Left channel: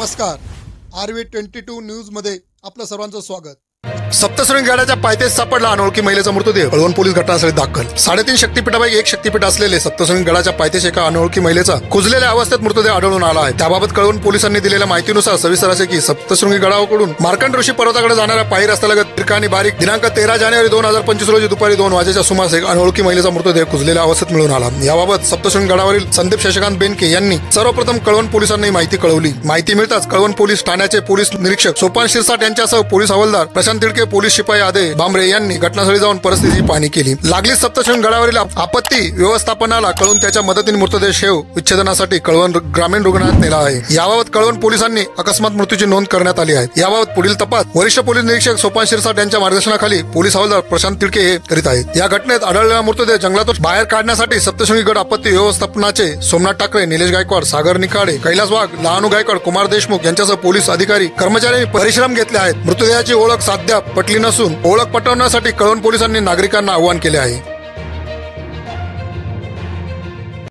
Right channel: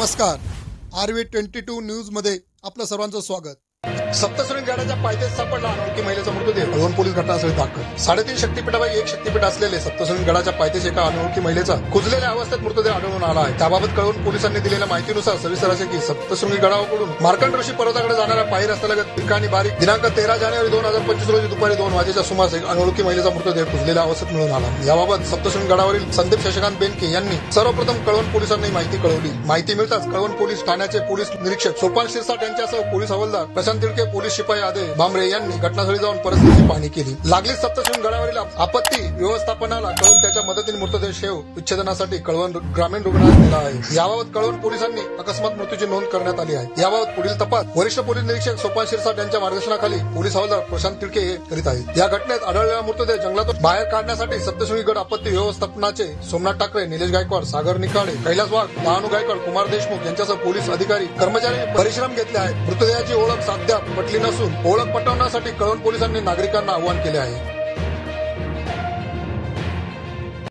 नमस्कार. RV22 न्यूजमध्ये आपलं सर्वांचं स्वागत. सप्तशृंगी गडाच्या पायथ्याशी सापडला अनोळखी महिलेचा मृतदेह. कळवण पोलीस घटनास्थळी दाखल. 3.5 शक्तिपीठापैकी एक शक्तिपीठ असलेले सप्तशृंगी गडाच्या पायथ्याशी एका अनोळखी महिलेचा कुजलेल्या अवस्थेत मृतदेह आढळून आला आहे. त्याबाबत कळवण पोलिसांनी दिलेल्या माहितीनुसार सविस्तर असे की सप्तशृंगी गडाकडून मार्कंड ऋषी पर्वताकडे जाणाऱ्या पायी रस्त्यालगत तिरका आणि बारीक दिनांक 13 जानेवारी 2025 रोजी दुपारी 2 वाजेच्या सुमारास एक अनोळखी महिलेचा मृतदेह कुजलेल्या अवस्थेत मिळून आला. याबाबत सप्तशृंगी गडावरील संदीप शशिकांत बेनके यांनी सर्वप्रथम कळवण पोलिसांना माहिती कळवली. माहिती मिळताच कळवण पोलीस ठाण्याचे पोलीस निरीक्षक सोपान शिरसाट यांच्यासह पोलीस हवालदार प्रशांत तिडके, पोलीस शिपाई आदे बांबरे यांनी घटनास्थळी जाऊन परिस्थितीची पाहणी केली. लागलीच सप्तशृंगी गडावरील आपत्ती व्यवस्थापनाला कळवून त्याच्या मदतीने मृतदेह शेव विच्छेदनासाठी कळवण ग्रामीण रुग्णालयात नेला आहे. याबाबत कळवण पोलिसांनी अकस्मात मृत्यूची नोंद करण्यात आली आहे. याबाबत पुढील तपास वरिष्ठ पोलीस निरीक्षक सोपान शिरसाट यांच्या मार्गदर्शनाखाली पोलीस हवालदार प्रशांत तिडके हे करीत आहेत. या घटनेत आढळलेला मृतदेह जंगलातून बाहेर काढण्यासाठी सप्तशृंगी गड आपत्ती व्यवस्थापनाचे सोमनाथ टाकरे, निलेश गायकवाड, सागर निखाडे, कैलास वाघ, लहानू गायकवाड, कुमार देशमुख यांच्यासह पोलीस अधिकारी कर्मचाऱ्यांनी परिश्रम घेतले आहेत. मृतदेहाची ओळख साध्या पटली नसून ओळख पटवण्यासाठी कळवण पोलिसांनी नागरिकांना आवाहन केले आहे.